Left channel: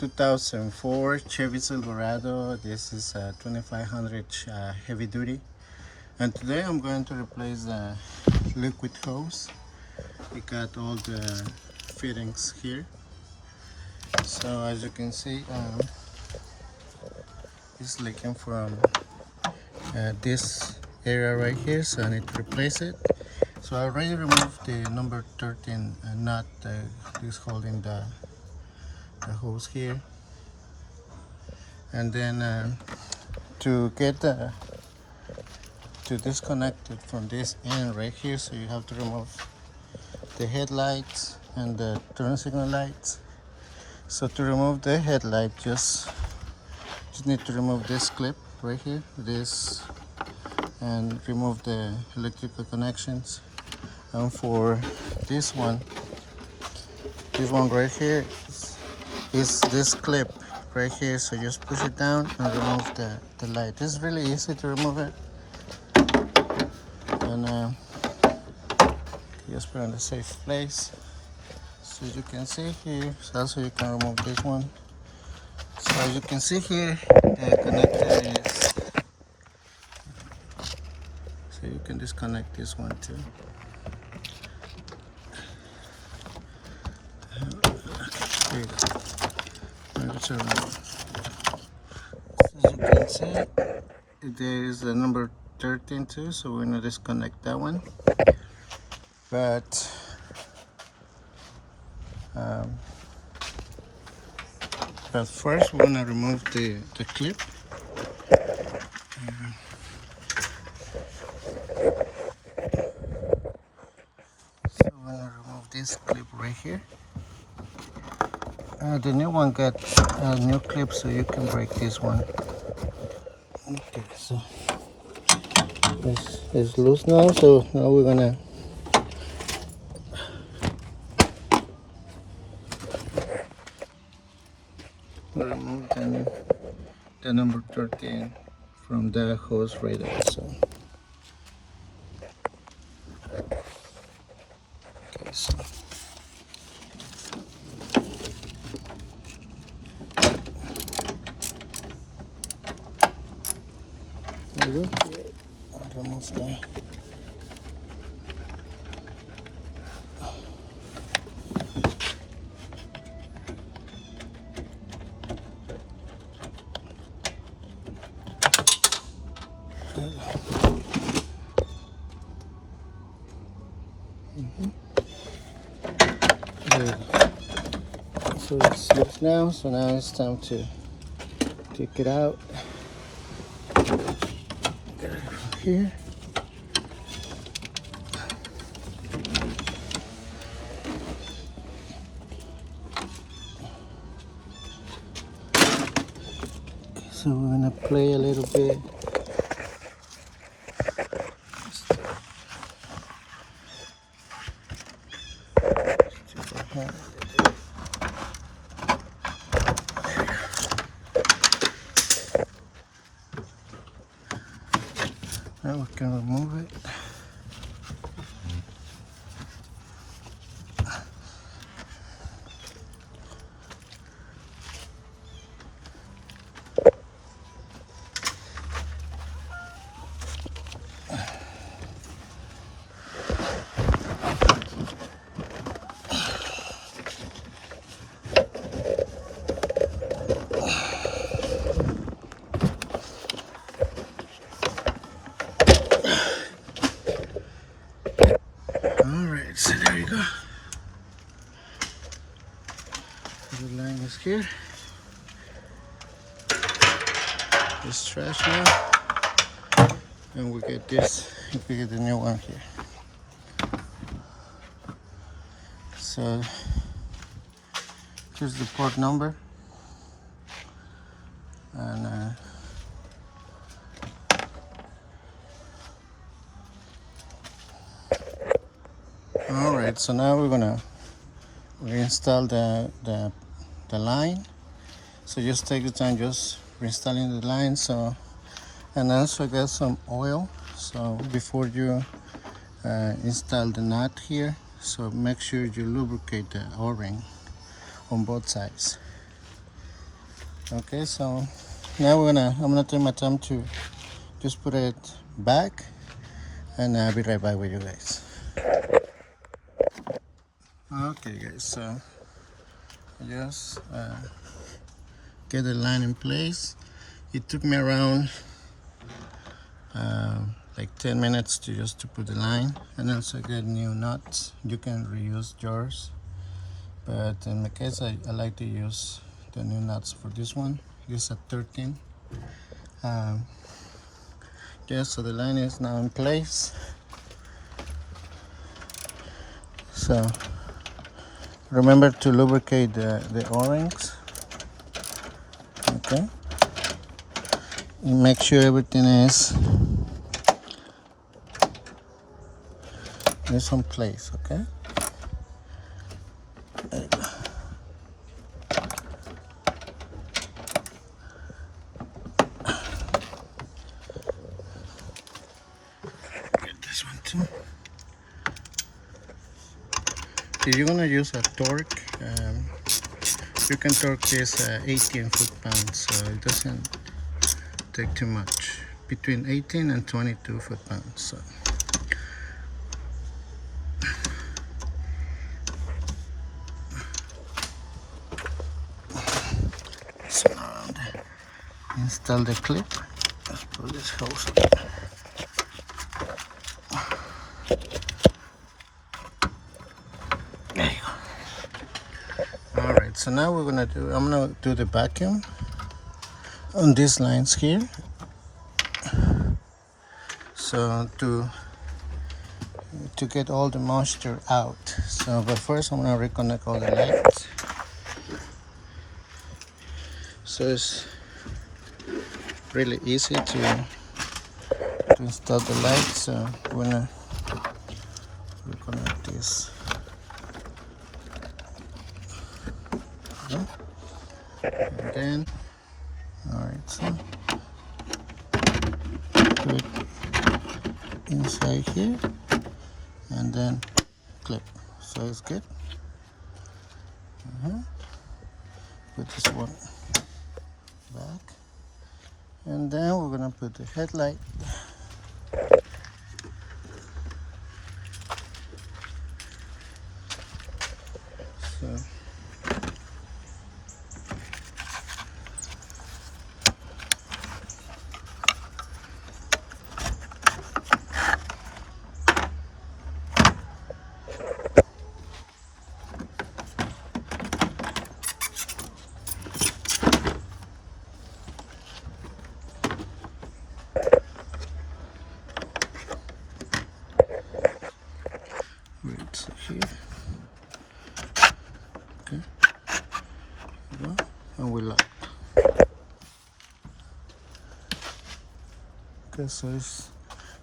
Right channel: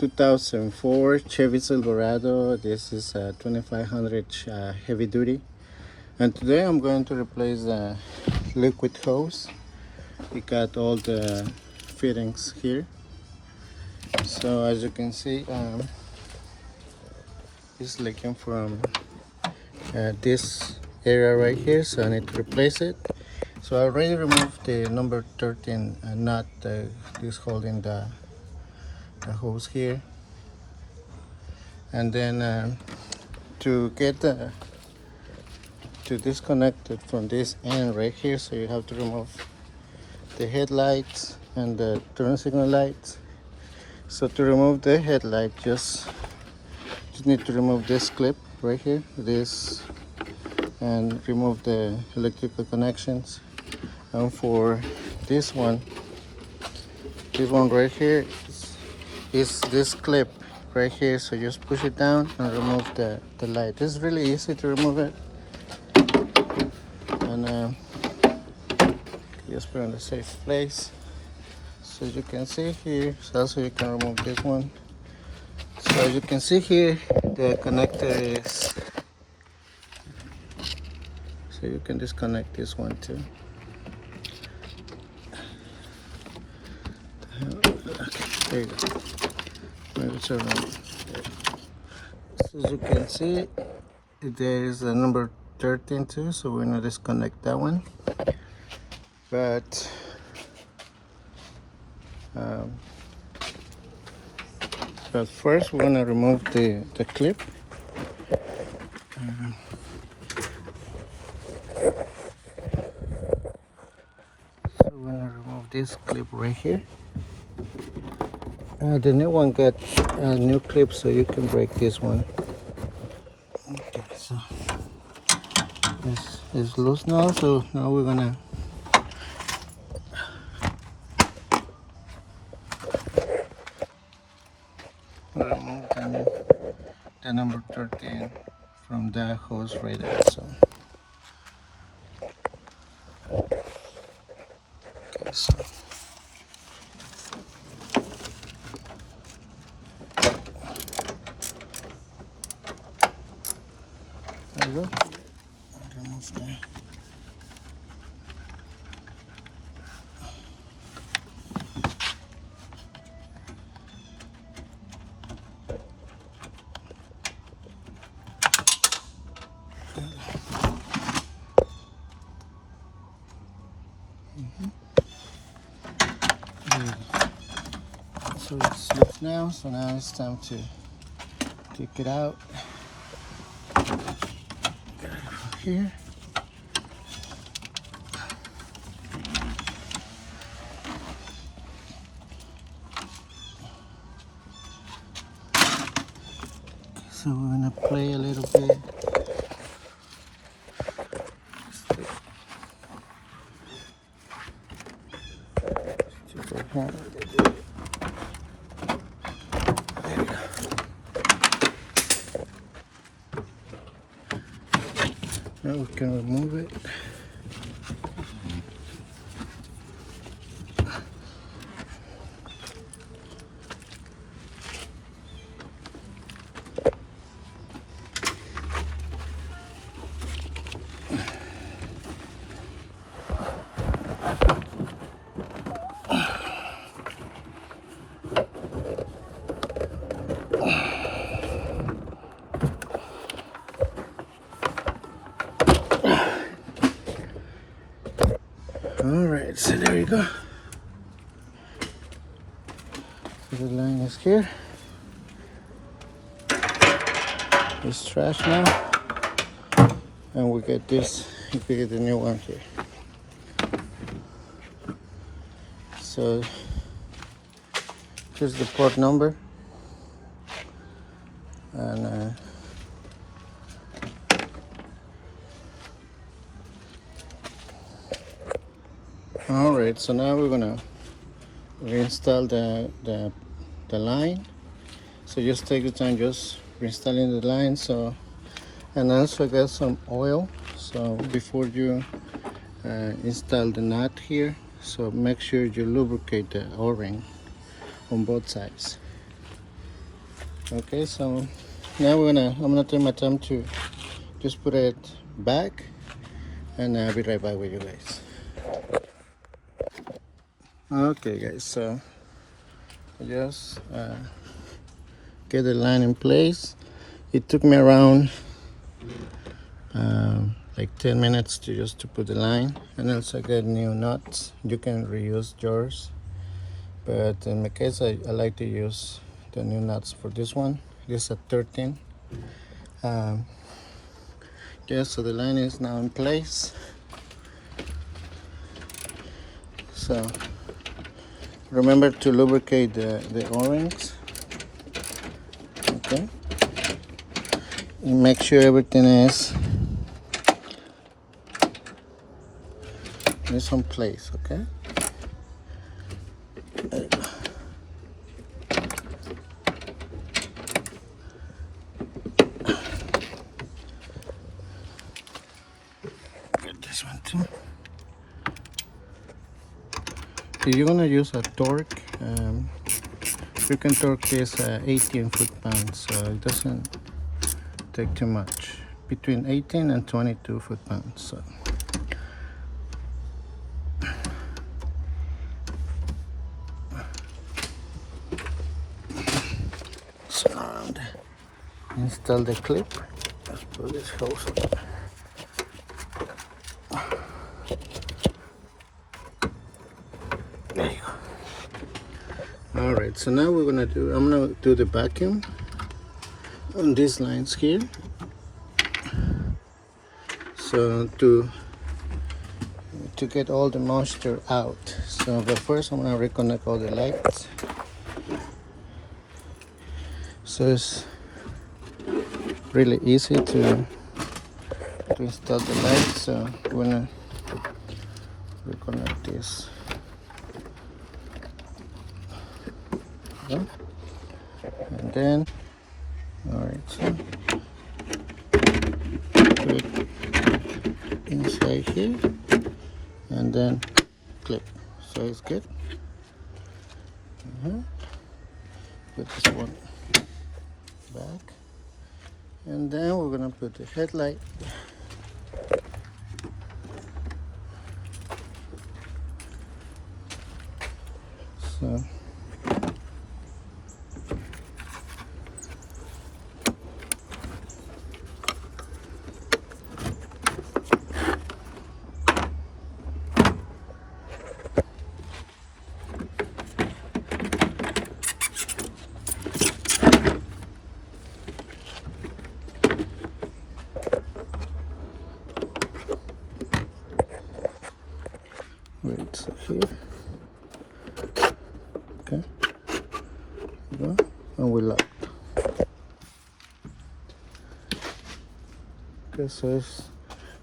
2004 Chevy Silverado. This is a 2500 heavy duty, and today I'm going to replace the liquid hose. We got all the fittings here, so as you can see, it's leaking from this area right here, so I need to replace it. So I already removed the number 13 nut this holding the hose here, and then to get to disconnect it from this end right here, so you have to remove the headlights and the turn signal lights. So to remove the headlight, just need to remove this clip right here, this, and remove the electrical connections. And for this one right here is this clip right here, so just push it down and remove the light. It's really easy to remove it, and just put it in the safe place. So you can see here, so also you can remove this one. So as you can see here, the connector is, so you can disconnect this one too. Okay, there you go. Maybe it's around there. So as you can see, there is a number 13 too, so we're gonna disconnect that one. But first we're gonna remove the clip. So we're gonna remove this clip right here. The new one got a new clip, so you can break this one. Okay, so it's loose now, so now we're gonna remove the number 13 from that hose right there. So okay, so there you go. Remove that. So it's loose now, so now it's time to take it out. Here. So we're gonna play a little bit. Now we can remove it. Alright, so there you go. So the line is here. It's trash now. And we get this, we get the new one here. So here's the port number. And all right, so now we're gonna reinstall the line. So just take your time just reinstalling the line. So, and also get some oil, so before you install the nut here, so make sure you lubricate the o-ring on both sides. Okay, so now I'm gonna take my time to just put it back, and I'll be right back with you guys. Okay guys, so I just get the line in place. It took me around like 10 minutes to put the line, and also get new nuts. You can reuse yours, but in my case I like to use the new nuts for this one. This is a 13. Yeah, so the line is now in place. So remember to lubricate the O-rings. Okay, and make sure everything is in some place. Okay, get this one too. If you're gonna use a torque, you can torque this 18 foot-pounds, so it doesn't take too much. Between 18 and 22 foot-pounds. So. So now install the clip. Let's put this hose on. There you go. All right, so now I'm gonna do the vacuum on these lines here. So to get all the moisture out. So but first I'm gonna reconnect all the lights. So it's really easy to install the lights. So I'm gonna reconnect this. Okay. And then, all right, so put it inside here, and then clip. So it's good. Put this one back, and then we're gonna put the headlight. So right, so here, okay, go, and we lock. Okay, so it's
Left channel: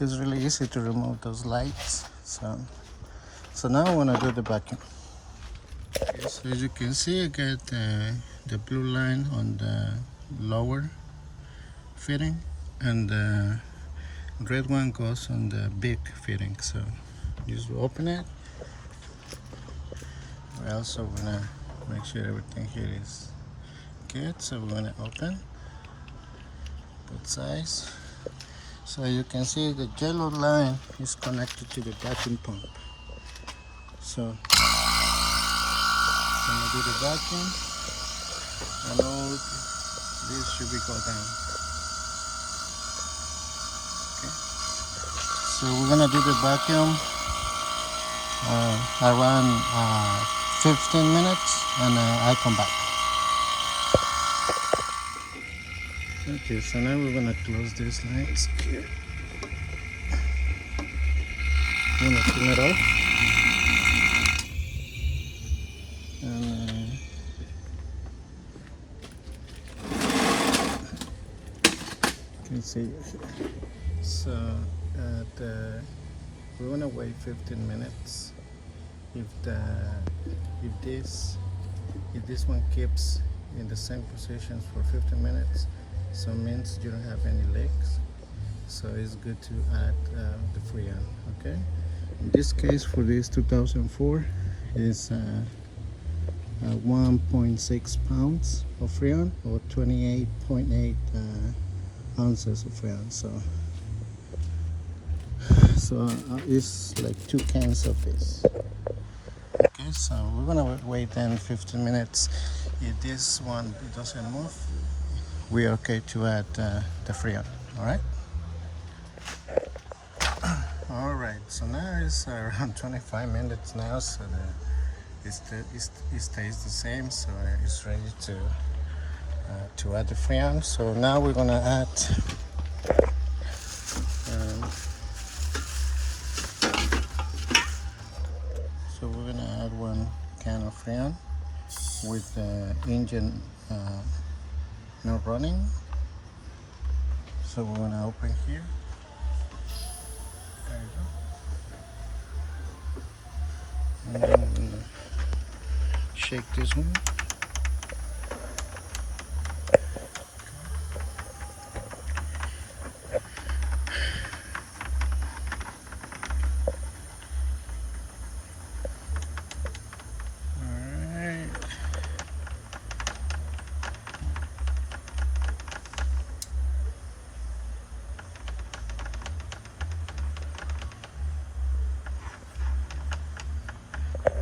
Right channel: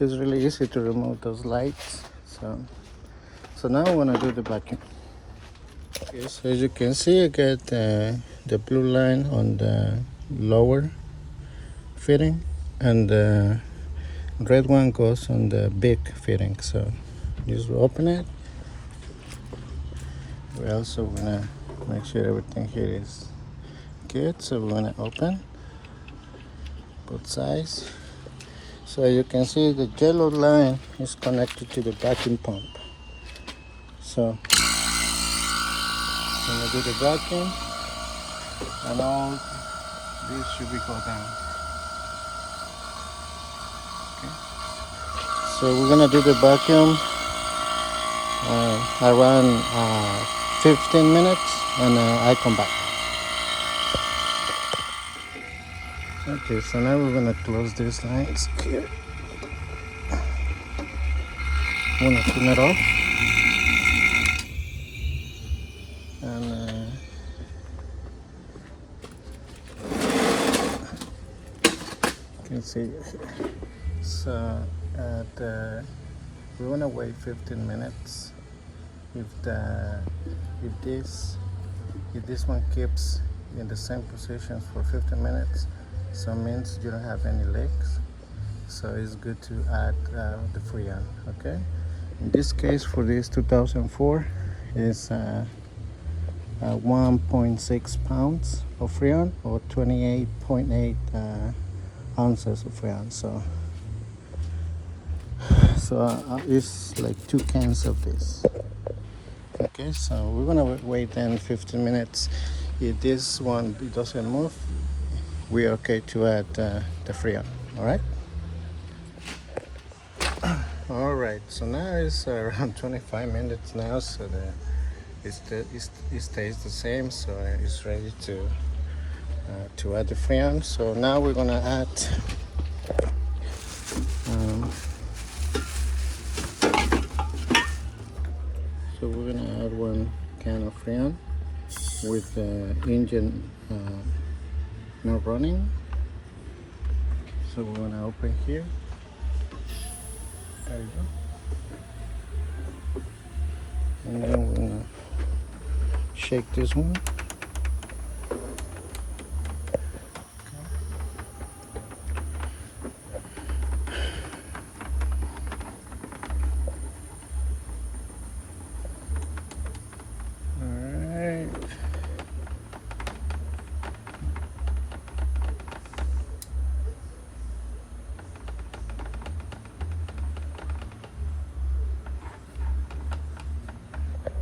really easy to remove those lights. So now I want to do the vacuum. Okay, so as you can see, I got the blue line on the lower fitting, and the red one goes on the big fitting. So just open it. We're also gonna make sure everything here is good. So we're gonna open both sides. So you can see the yellow line is connected to the vacuum pump. So I'm gonna do the vacuum, and all this should be go down. Okay. So we're gonna do the vacuum around 15 minutes, and I come back. Okay, so now we're gonna close these lines here. I'm gonna turn it off, and you can see. So we wanna wait 15 minutes. If this one keeps in the same position for 15 minutes, so it means you don't have any leaks. So it's good to add the Freon. Okay. In this case, for this 2004, is 1.6 pounds of Freon or 28.8 ounces of Freon. So it's like 2 cans of this. Okay, so we're gonna wait then 15 minutes. If this one it doesn't move, we're okay to add the Freon. All right. All right. So now it's around 25 minutes now. So it stays the same. So it's ready to add the Freon. So now we're gonna add. So we're gonna add 1 can of Freon with the engine not running. So we're gonna open here. There you go. And then we're gonna shake this one.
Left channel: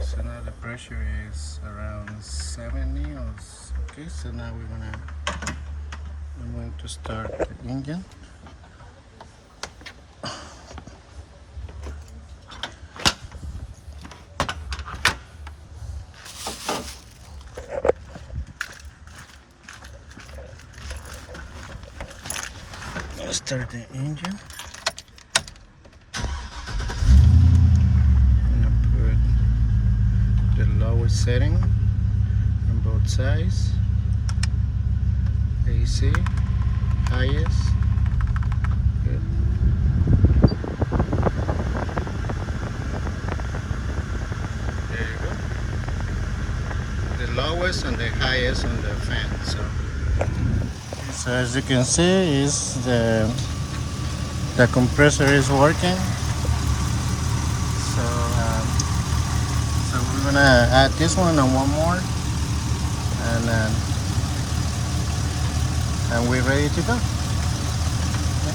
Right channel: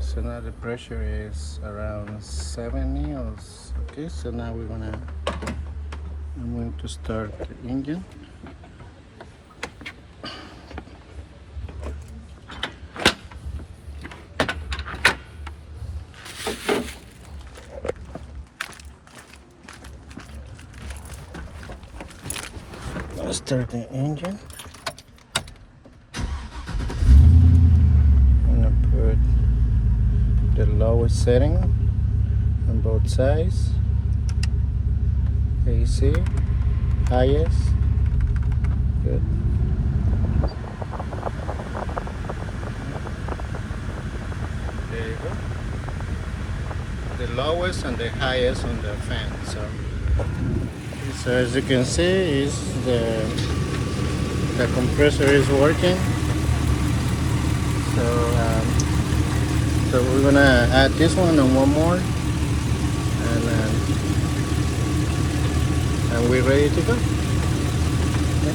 So now the pressure is around 70 or okay. So now I'm going to start the engine. Start the engine. The lowest setting on both sides, AC, highest, good. There you go. The lowest and the highest on the fan. So as you can see, is the compressor is working. So we're gonna add this one and one more, and we're ready to go. Okay.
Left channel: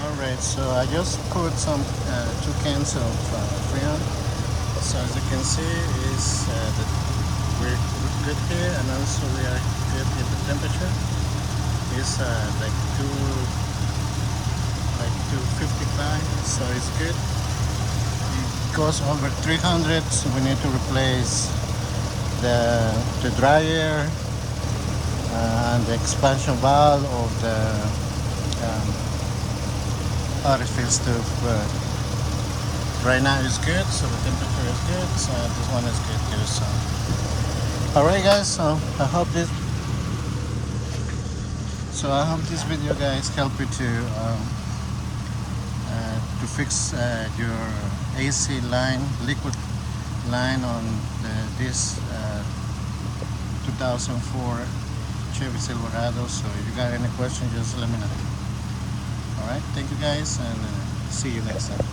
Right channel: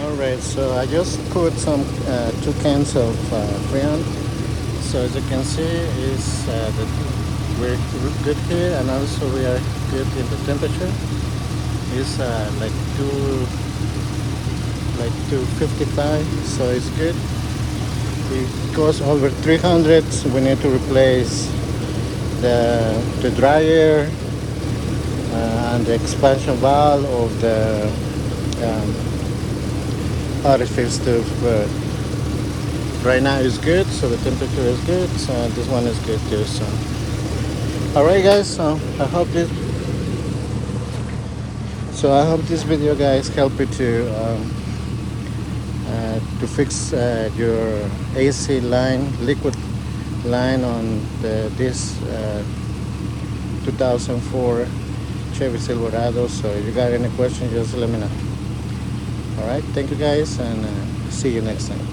All right, so I just put some 2 cans of Freon. So as you can see, is that we're good here, and also we are good in the temperature. It's like 255, so it's good. It goes over 300, so we need to replace the dryer and the expansion valve of the orifice tube. But right now it's good, so the temperature is good. So this one is good too. So all right, guys. So I hope this video, guys, help you to fix your AC line, liquid line on this 2004 Chevy Silverado. So if you got any questions, just let me know. All right, thank you guys, and see you next time.